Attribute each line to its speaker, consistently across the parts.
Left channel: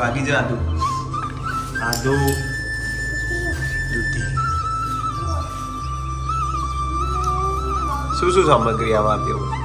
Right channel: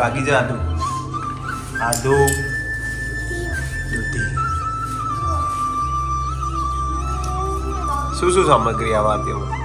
Speaker 1: વાગી જા આદુ આદુ દૂધી શું શું સામગ્રી આવા આપી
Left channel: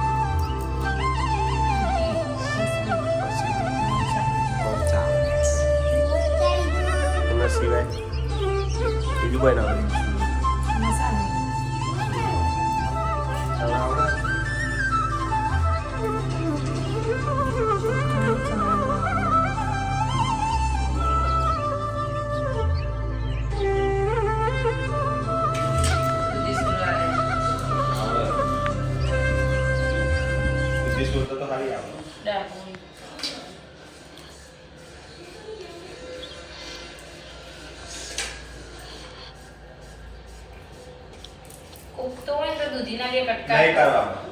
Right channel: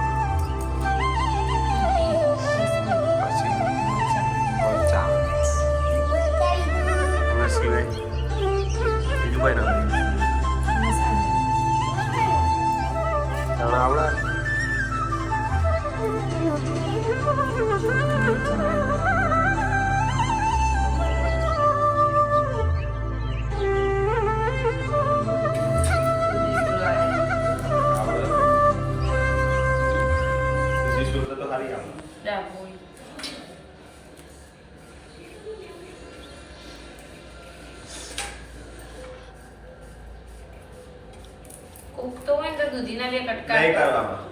Speaker 1: સુરત તો ખાલી આવે
Speaker 2: ઉગતો હોય ને તો દૂધીના બે
Speaker 1: નહીં
Speaker 2: કટકા
Speaker 1: કરવામાં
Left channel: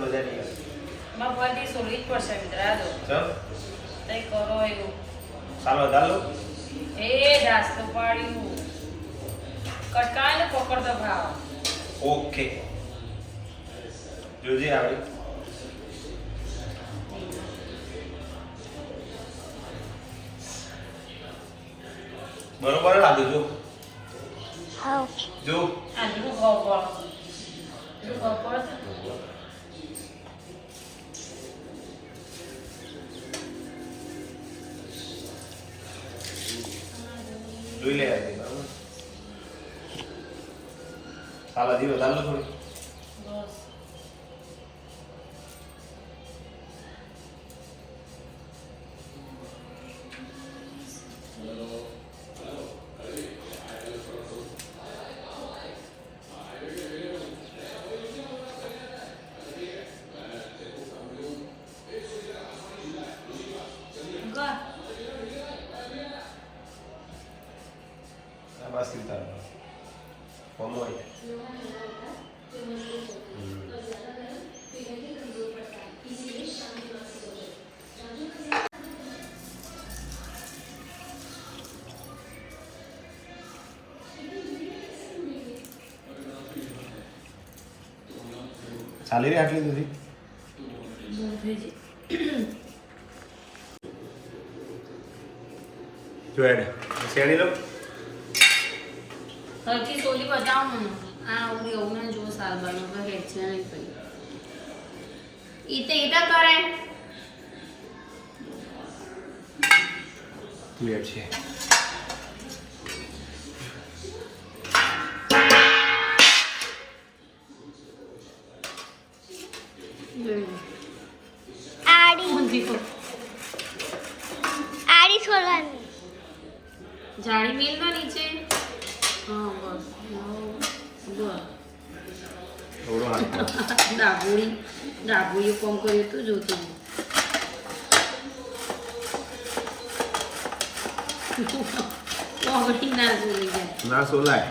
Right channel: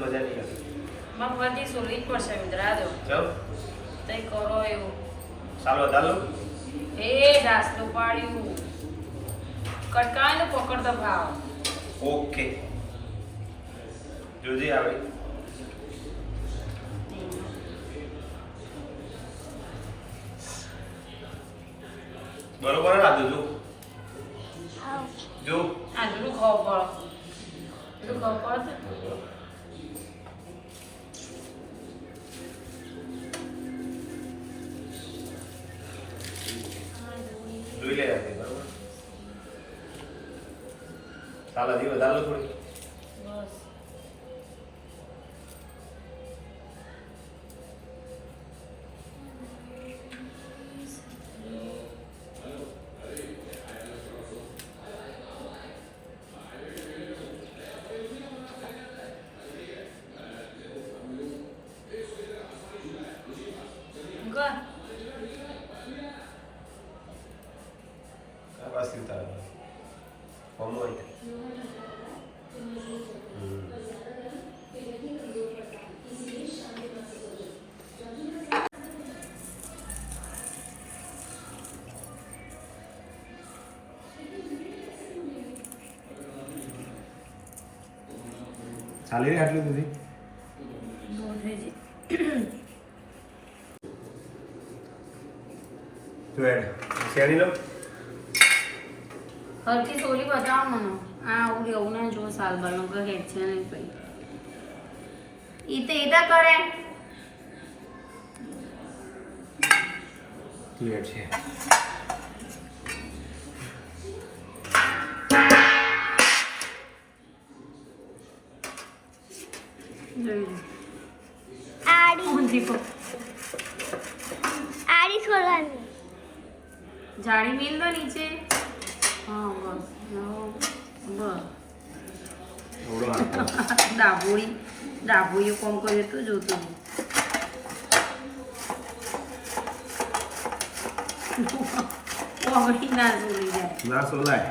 Speaker 1: મજા નહીં લાગે
Speaker 2: મગવાદી સોલવી જ પડશે મિત્રા દો
Speaker 1: ચાલ.
Speaker 2: તઈ કરો એવું.
Speaker 1: ચાલો ચાલો.
Speaker 2: એ દાસ તો પાડ્યું. કટકા ને પકડતો ભાવ
Speaker 1: ઓકે. જોજે આવે. બરોબર લાગે જો? જો.
Speaker 2: આંધળું ખાવ પડો શું ખાવ પડે
Speaker 1: જોઈ લે બરાબર? ચાલો જી વધારે લો થોડી. ચાલી રહી આટલી
Speaker 2: દીધી જાય
Speaker 1: શેરી લો.
Speaker 2: હરથી સોલી બતાવો મને આ આવું એવું ના જો સાલ બનો પર છે નહીં પડી ઈ તો ઈતા કરે.
Speaker 1: ક્લિયર છે.
Speaker 2: નીચે. હા બસ બસ ડાબોડી. કોમ કર્યું તું જોતું ના જોઈ જાય
Speaker 1: ના સોલાય.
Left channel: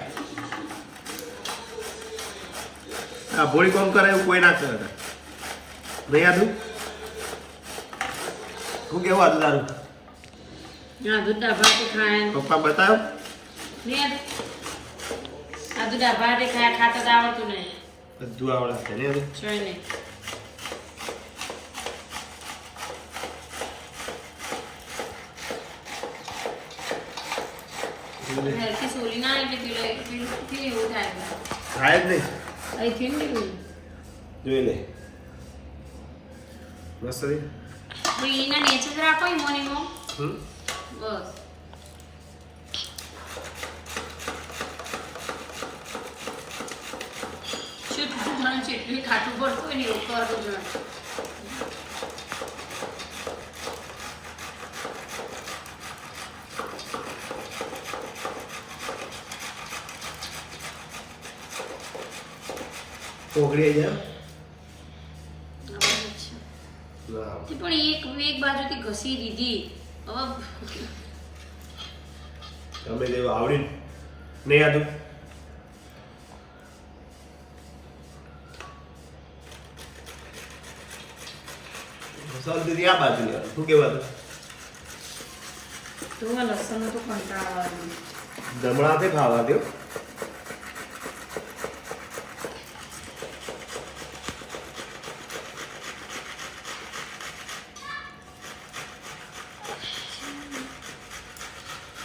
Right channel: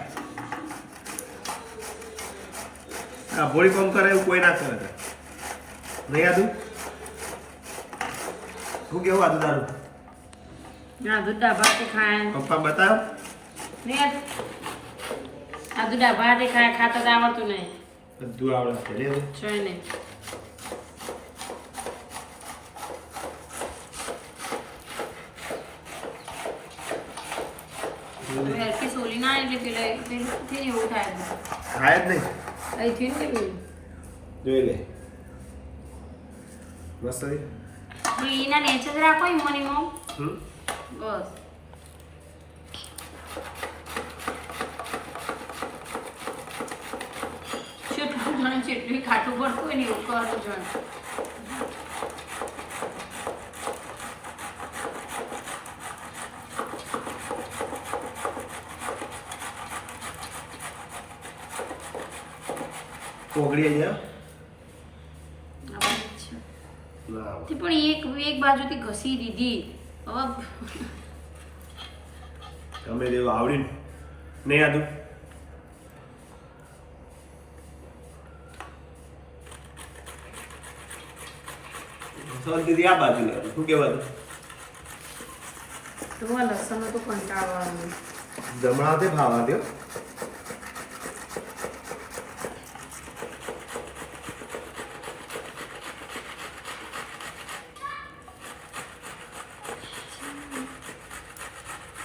Speaker 1: આ ભોળી કોમ કરે એવું કોઈ ના કરે. નહીં આદુ શું કેવું આદુ તારું?
Speaker 2: ના દૂધ ડાબા તો ખાય?
Speaker 1: પપ્પા બતાવ.
Speaker 2: આ ડાબા તે ખાય ખાતા તો આવડતું નહીં.
Speaker 1: બધું આવડે છે ને
Speaker 2: જોઈ નહીં
Speaker 1: ખાય જ નહીં. જોઈ લે. મસ્ત
Speaker 2: એના નીચે જ રાખો ઈમોનીમો
Speaker 1: હમ.
Speaker 2: બસ. જેટલું ખાટું પડતું હોય ને એવું કરવું જોઈએ
Speaker 1: ઓગળી જાય.
Speaker 2: પણ એક એક બાજુથી ઘસી દીધી. હવે
Speaker 1: ગમે તેવું આવડી નહીં સોલ દીધી આ બાજુ લેવાનું શું
Speaker 2: કહેવાતું
Speaker 1: જમણા તે ભાવા દો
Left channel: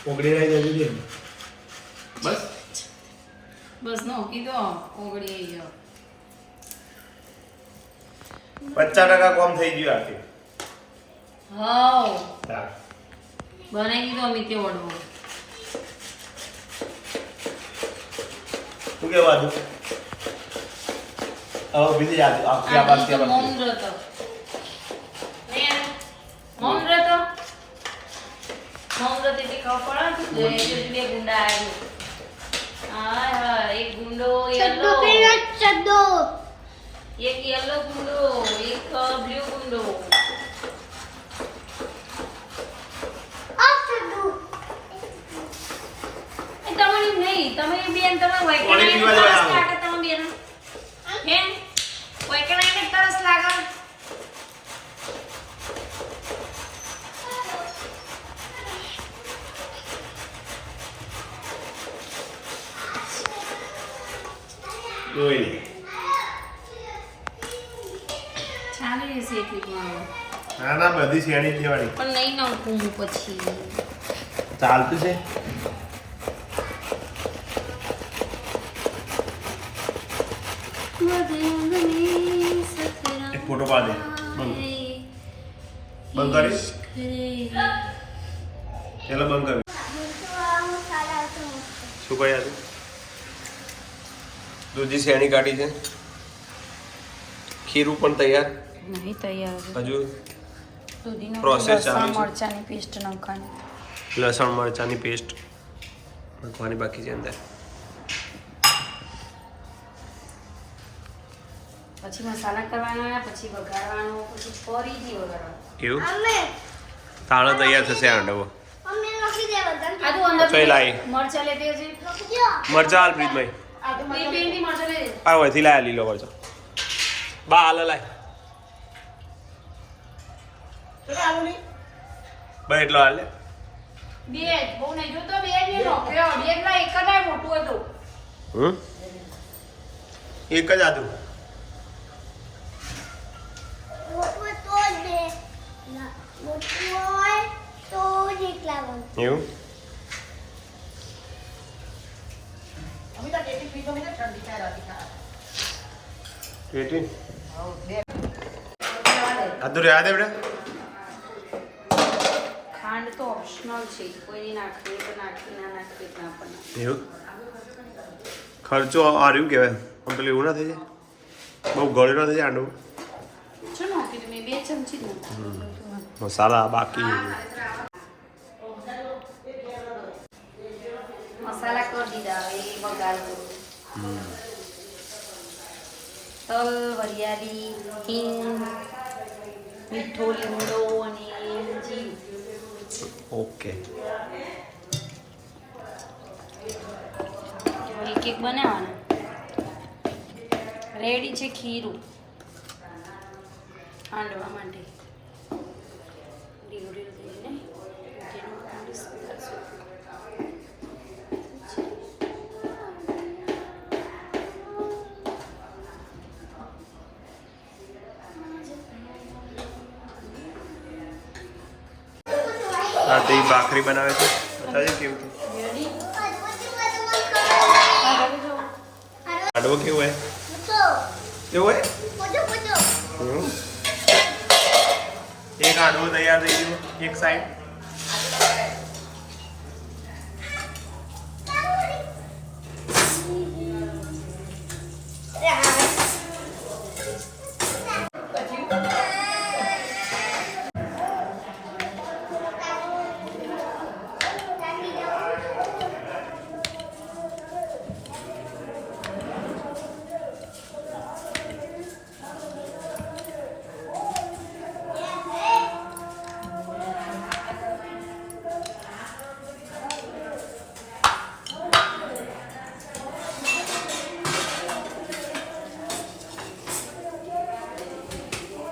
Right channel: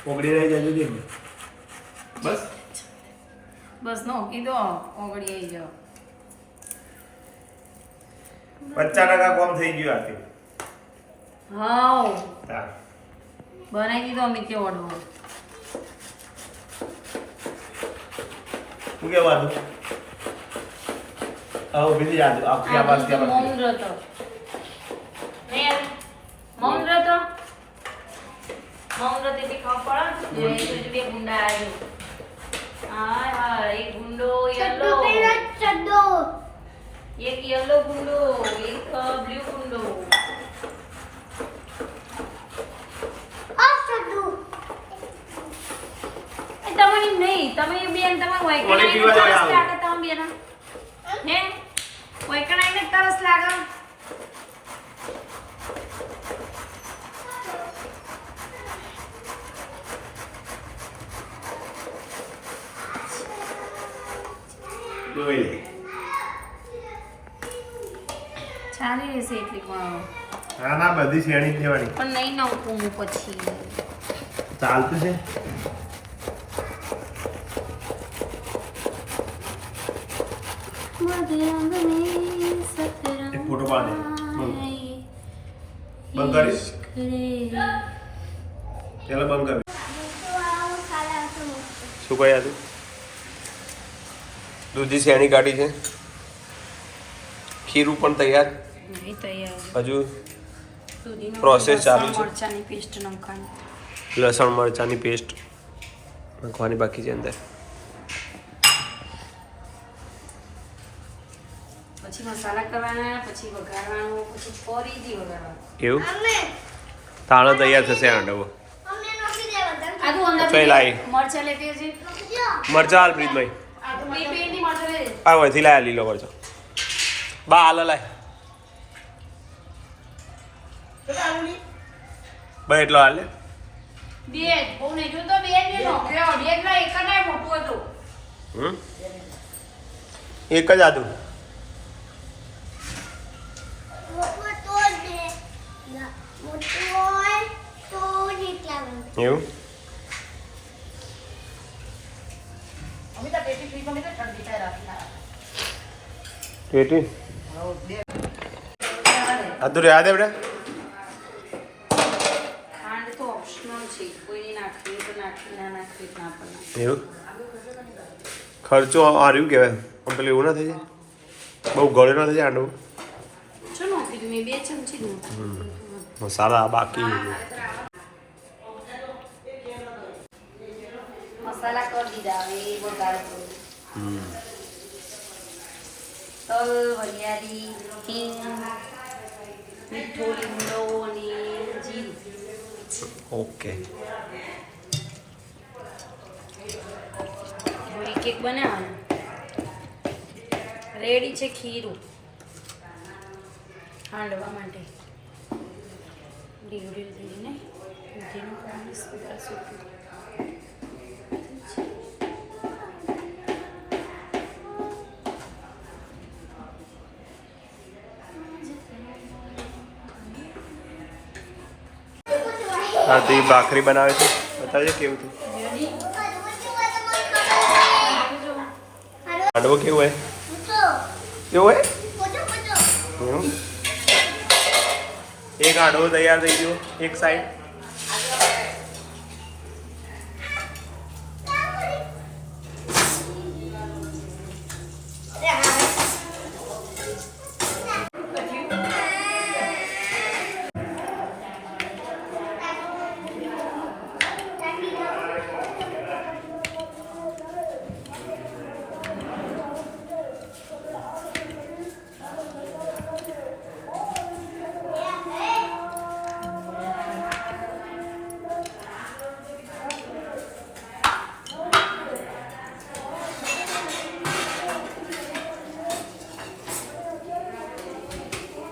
Speaker 1: ઓગળી રહી જજો બસ.
Speaker 2: બસ નો કીધો ઓગળી ગયો
Speaker 1: પચાસ ટકા કોમ થઈ ગયું
Speaker 2: આથી.
Speaker 1: હાઉ.
Speaker 2: બનાવી દીધો અમિતે ઓડો
Speaker 1: શું કે આદુ આવો બીજી યાદ આપી આ બાજુ ત્યાં.
Speaker 2: મૌન ખબર પડે જે બે ગુંડા આવ્યો હા હા એક ગુંડો યલો.
Speaker 3: ચડ્ડો
Speaker 2: એક યલો ગુંડો એક બ્લુ ગુંડો. તમારી નહીં તમે બેન તમારે
Speaker 1: પાણી પીવા
Speaker 2: વૈકણાઈને
Speaker 1: જવા
Speaker 2: તરસ
Speaker 1: આવો.
Speaker 2: લાગે તમે બેન હે વૈકણાઈને તરસ લાગે
Speaker 1: ઓય.
Speaker 2: ચાલી રહેશે એટલી પણ હવે.
Speaker 1: ના ના બધી શેણી જ દેવાની
Speaker 2: પણ નહીં નાખું પછી.
Speaker 1: ચાલતું છે? એક ફોટો પાડ બંધ. બંધ કરી. ચાલો બંધ કરી.
Speaker 3: મોટું સાલા તો
Speaker 1: શું કહ્યા તું? દૂધી શેણી કાઢી છે. ખીરું પણ તૈયાર.
Speaker 2: નહીં તૈયાર
Speaker 1: હજુ પ્રોસેસ ચાલુ છે.
Speaker 2: મરચાની પેસ્ટ નાખવાની.
Speaker 1: લસણ મરચાંની પેસ્ટ નાખવાની બાકી છે અંદર.
Speaker 2: પછી મસાલા કરવાના પછી વઘારવાનો પછી ફરીથી વઘારવાનો.
Speaker 1: એવું?
Speaker 3: અમે
Speaker 1: તાણો તૈયાર થશે આંડવો કઈ લાવી?
Speaker 2: મરચાં લેતી હજી
Speaker 1: મરચા હાલ પ્રીતભાઈ
Speaker 2: આ બેની મરચાં લે
Speaker 1: આ લાયા લીલો મરચા. બા હાલ લાય. બા એટલો હાલે. લે
Speaker 2: બે બહુ નહીં જોતો બે જ નહીં નોખ્યો અઢી એટલા એક જ મોટું હતું
Speaker 1: હમ? એક જ આદુ.
Speaker 3: મોટું તો જ દે ના મોટું હોય તો જ એટલા બને.
Speaker 1: એવું? પેટી આદુ રે બેટા
Speaker 2: ખાંડ તો ઓપ્શનલ છે કોઈ નાખવી તો નાખી ના નાખવી ના પણ
Speaker 1: એવું? ખર્ચો આ રહ્યું કહેવાય. આમ પેલું એવું ના થઈ જાય? બહુ ગળ્યો ના થઈ જાય આંડવું મસાલા બાકી.
Speaker 2: મસાલા કરી દીધા હવે એ તલ વરિયાળી હિંગ મીઠો લીમડો અને જીરું.
Speaker 1: ઓકે.
Speaker 2: એક બનાવવાનો. રેડી છે ખીરું. હાંડવા માટે. ઢીલું ઢીલું થઈને ઘીનું પાણી સૂકું
Speaker 1: હા ભાખરી બનાવે છે. બતાવજો કેવું છે. હાંડવો કેવું હોય કેવો હોય એવું એક આડવો તૈયાર થઈ ગયો એક side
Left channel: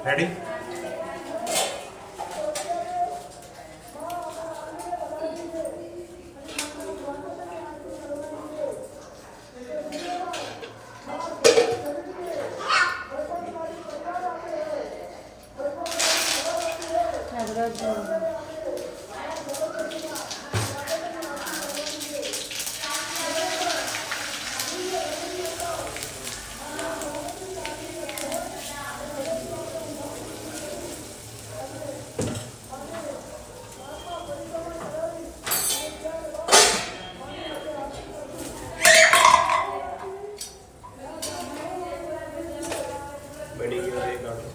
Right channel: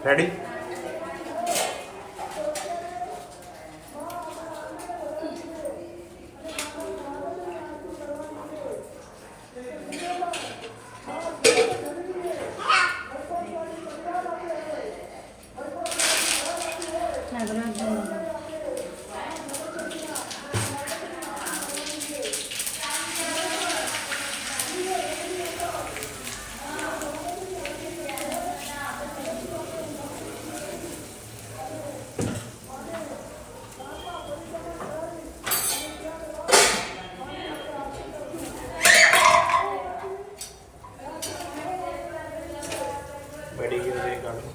Speaker 1: ready Agora eu vou. કાઢો.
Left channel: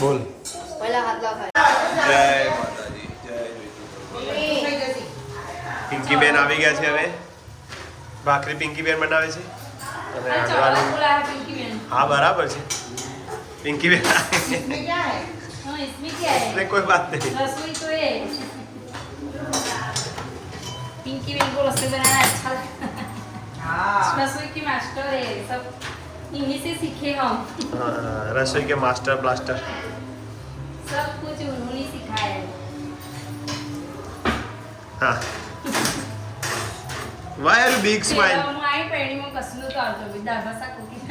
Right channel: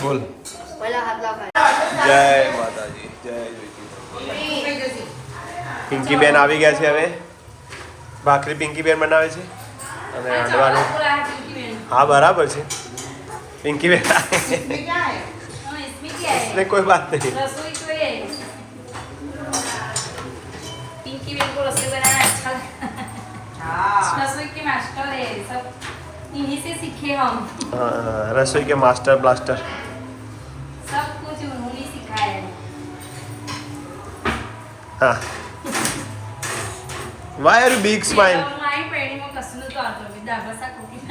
Speaker 1: બોલ. જય માતાજી જય પિંકી બેન આવી ગયા છે હવે. ભાખરી પિંકી બેન બનાવે છે. અને હાંડવાનું હા બરાબર છે. પિંકી બેન એટલે કોઈ વાત
Speaker 2: નથી પિંકી બેન કો રસોઈ બનાના रसोई बनाना अच्छा रसोई के मास्टर है सब इन्हीं से सीखे हम
Speaker 1: हाँ, रसोई के मास्टर ब्लास्टर
Speaker 2: सब कुछ उन्होंने सिखाया है
Speaker 1: હા વાય આર બિગ સ્માઇલ
Speaker 2: મારી પેઢીમાં કશું નહોતું આવતું બી દાદા શાક cooking.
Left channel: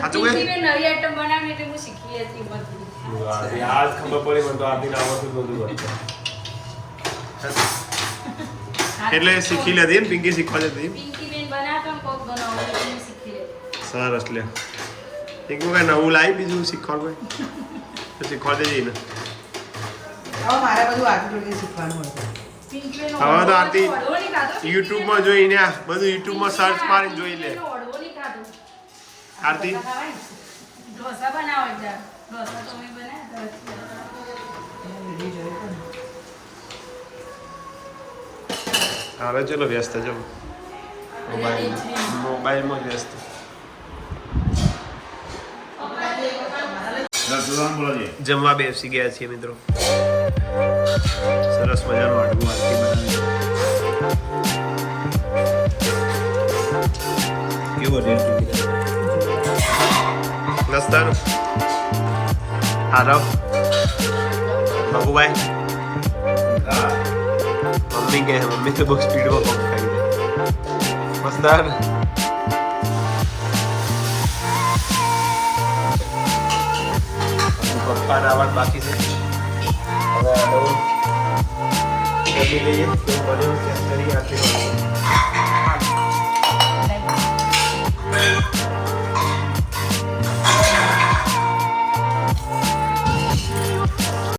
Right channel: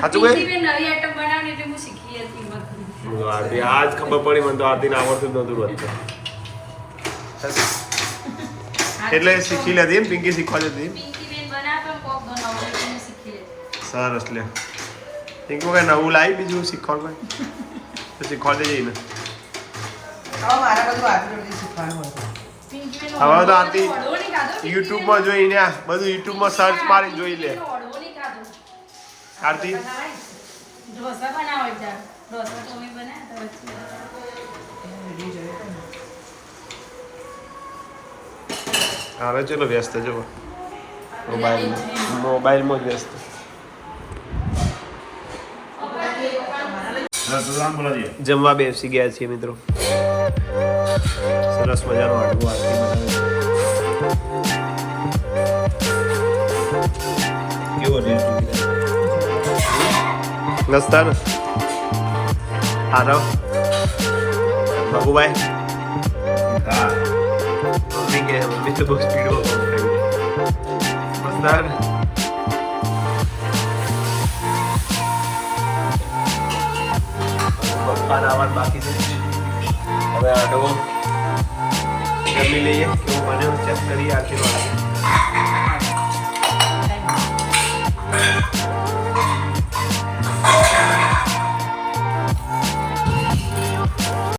Speaker 1: સાચું કહે?
Speaker 2: પિંકી બેન નવી આઈટમ બનાવીને એટલે હું શીખી હતી બધી
Speaker 1: આજ ખબર પડી મને તો આરતીને આવડતું જ નહોતું બધું એટલે શીખી લીધી ને પિંકી શીખવા જતી સરસ લે એક વખત નવું લાવી બીજું શીખવાડ કોઈ. તો શીખવા દેજે ને
Speaker 4: હવે મારે
Speaker 1: તો. આરતી? યુટ્યુબમાં જોઈને આ બધું યુટ્યુબમાં સર્ચ મારીને જોઈ લે. આરતી?
Speaker 2: ઢોસા બનાવો બનાવ્યા.
Speaker 1: હવે ચલો વ્યસ્ત જવો મોબાઈલમાં. મોબાઈલમાં જ વ્યસ્ત. જમવા બેસી ગયા છીએ મિત્રો સરસ મજાનો હાડવો આરતી બનાવે છે કેવો રેટ નસ્તાર આરવ ભગુભાઈ મમ્મી કે મમ્મી તો બહુ સ્પીડમાં કામ કરી મસ્તાર આવાજ બાકી છે. હવે આડો જમી લઈએ કેવું બન્યું ચેક કરી આરતી